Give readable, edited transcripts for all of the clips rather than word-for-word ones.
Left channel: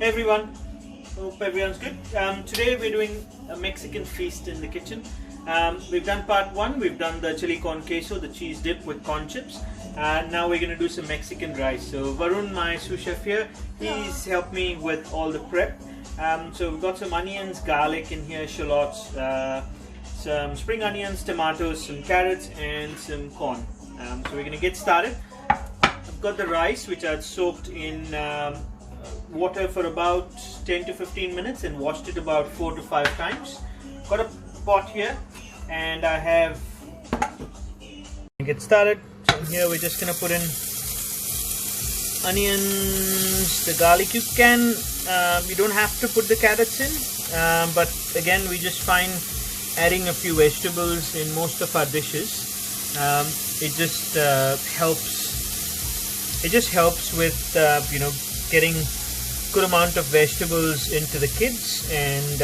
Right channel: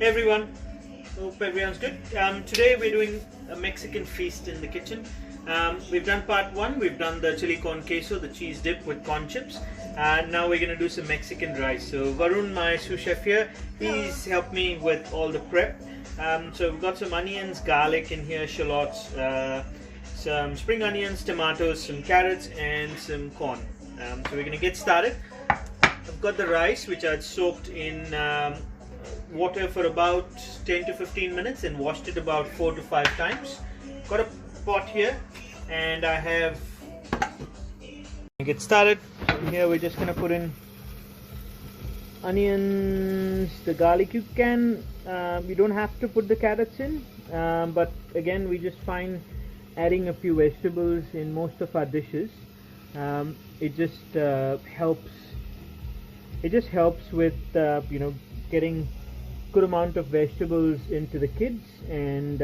Hey everyone, hope everyone's good. Today we're doing a Mexican feast in the kitchen. We've done part one, we've done the chili con queso, the cheese dip with corn chips, and now we're going to do some Mexican rice. So Varun, my sous chef here, he's helped me with all the prep. So we've got some onions, garlic in here, shallots, some spring onions, tomatoes, some carrots and some corn. So we're going to get started. I've got the rice which I'd soaked in water for about 10 to 15 minutes and washed it about 4 to 5 times. Got a pot here and I have, get started. So in here we're just going to put in onions, the garlic. You can, you don't have to put the carrots in, but again we just find adding a few vegetables in most of our dishes, it just helps with you know, getting good amount of vegetables into the kids, and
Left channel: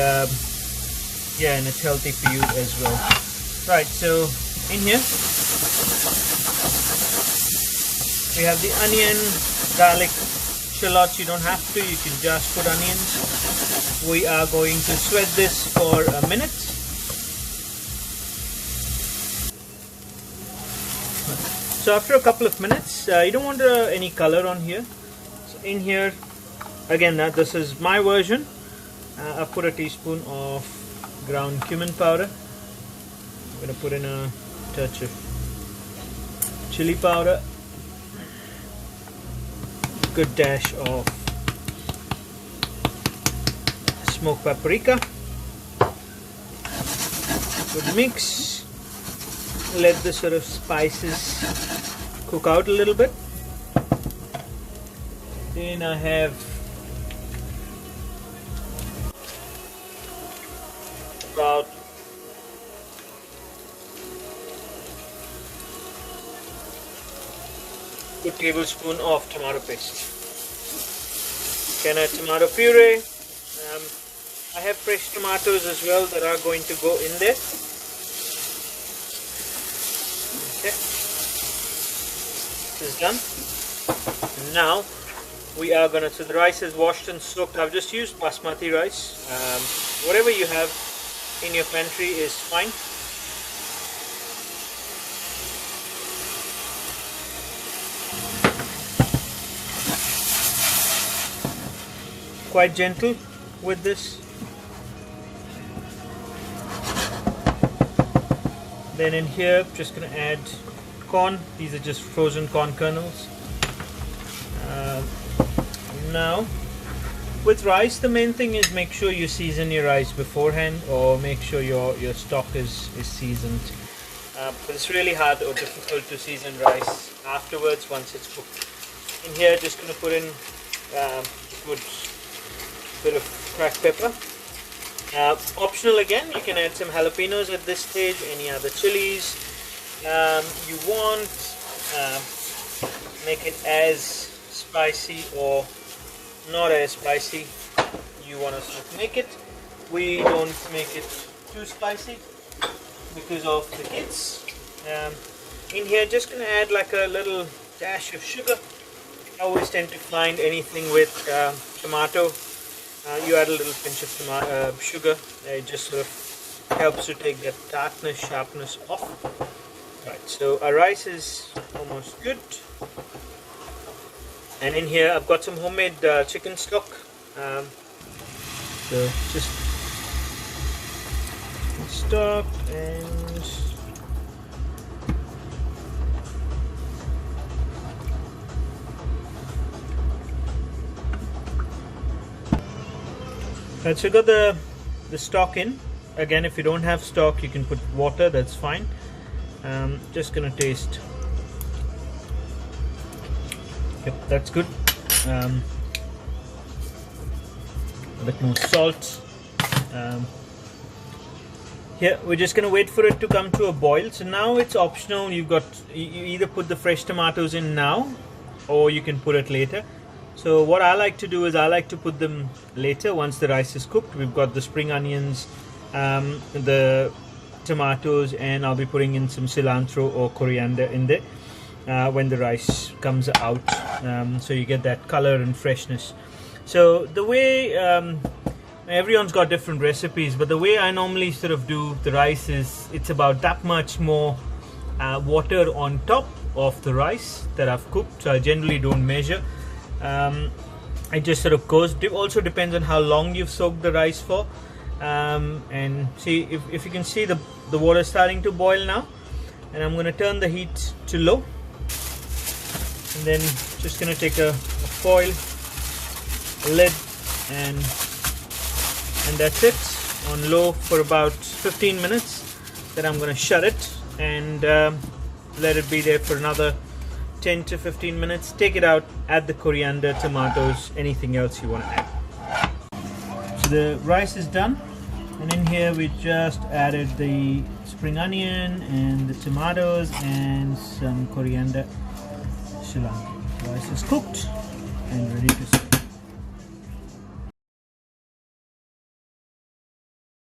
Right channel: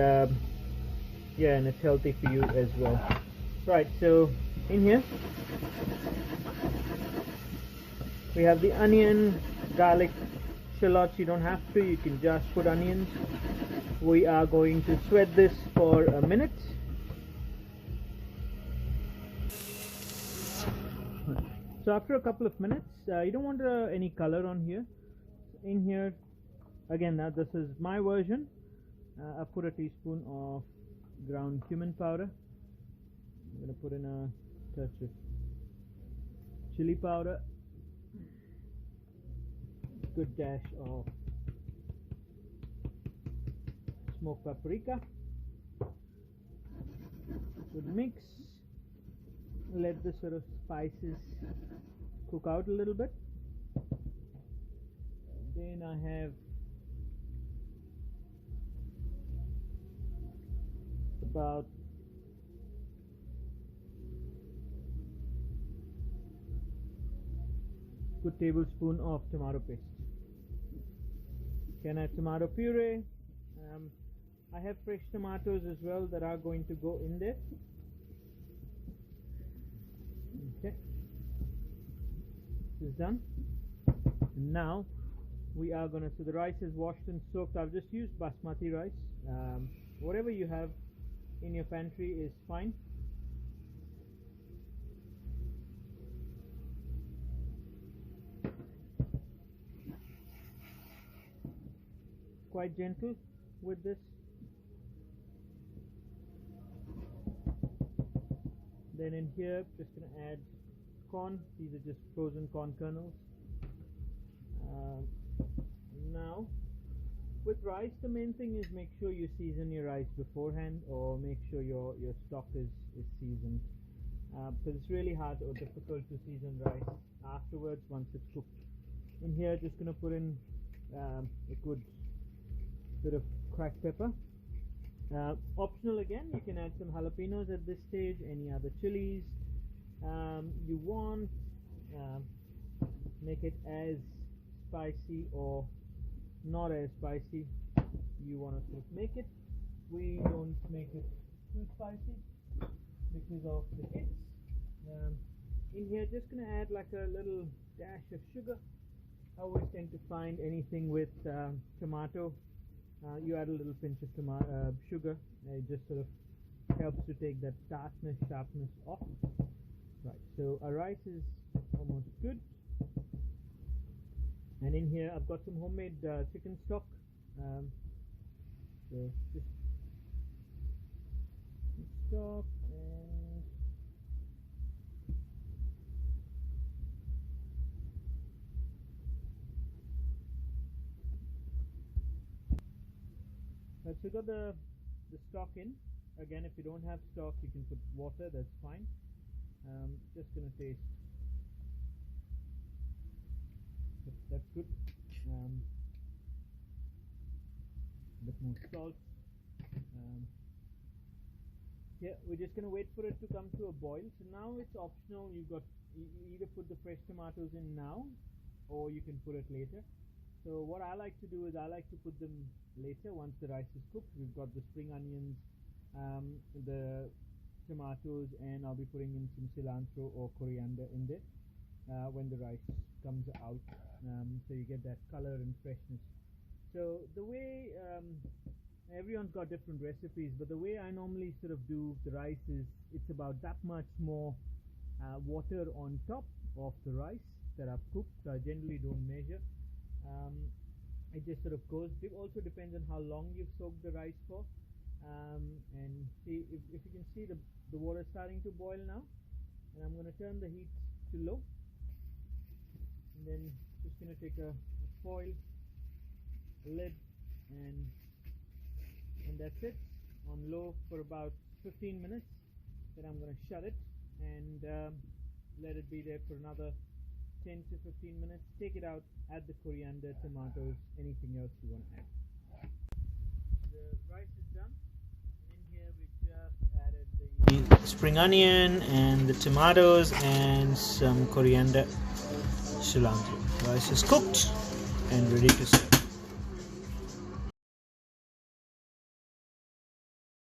yeah, and it's healthy for you as well. Right, so in here we have the onion, garlic, shallots. You don't have to, you can just put onions. We are going to sweat this for a minute. So after a couple of minutes, you don't want any color on here. So in here, again, this is my version. I put a teaspoon of ground cumin powder. I'm going to put in a touch of chili powder, a good dash of smoked paprika. Good mix. Let the sort of spices cook out a little bit. Then I have about a good tablespoon of tomato paste. Can add tomato puree. I have fresh tomatoes as well that are going to go in there. Okay, this is done. Now we are gonna, so the rice is washed and soaked. I've just used Basmati rice. Whatever you have in your pantry is fine. Quite gentle with this. Then in here, just going to add corn. These are just frozen corn kernels. Now, with rice, the main thing is make sure you season your rice beforehand, or make sure your stock is seasoned. But it's really hard or difficult to season rice afterwards once it's cooked. In here, just going to put in a good bit of cracked pepper. Optional again, you can add some jalapenos at this stage, any other chilies you want. Make it as spicy or not as spicy you want to make it. We don't make it too spicy because of the kids. In here, just going to add like a little dash of sugar. I always tend to find anything with tomato, you add a little pinch of sugar. It just sort of helps to take that tartness, sharpness off. Right, so our rice is almost good. And in here I've got some homemade chicken stock. So just stock and right, so you got the stock in. Again, if you don't have stock, you can put water, that's fine. Just gonna taste. Yep, that's good. A bit more salt. Here we're just gonna wait for it to come to a boil. So now it's optional. You either put the fresh tomatoes in now, or you can put it later. So what I like to do is I like to put them later once the rice is cooked. We've got the spring onions, the tomatoes, and I'll be putting in some cilantro or coriander in there when the rice comes out, so you get that color and freshness. So the way everyone's got different recipes, but the way I normally sort of do the rice is it's about that much more water on top of the rice that I've cooked. So I generally don't measure. It just sort of goes. It also depends on how long you've soaked the rice for. And see if you can see the water starting to boil now, and I'm going to turn the heat to low, and then just going to take a foil, a lid, and that's it on low for about 15 minutes. Then I'm going to shut it and let it be there for another 10 to 15 minutes. Take it out, add the coriander, tomatoes, anything else you want to add. So the rice is done, and in here we just added the spring onion and the tomatoes and some coriander, cilantro. Rice is cooked and ready to serve.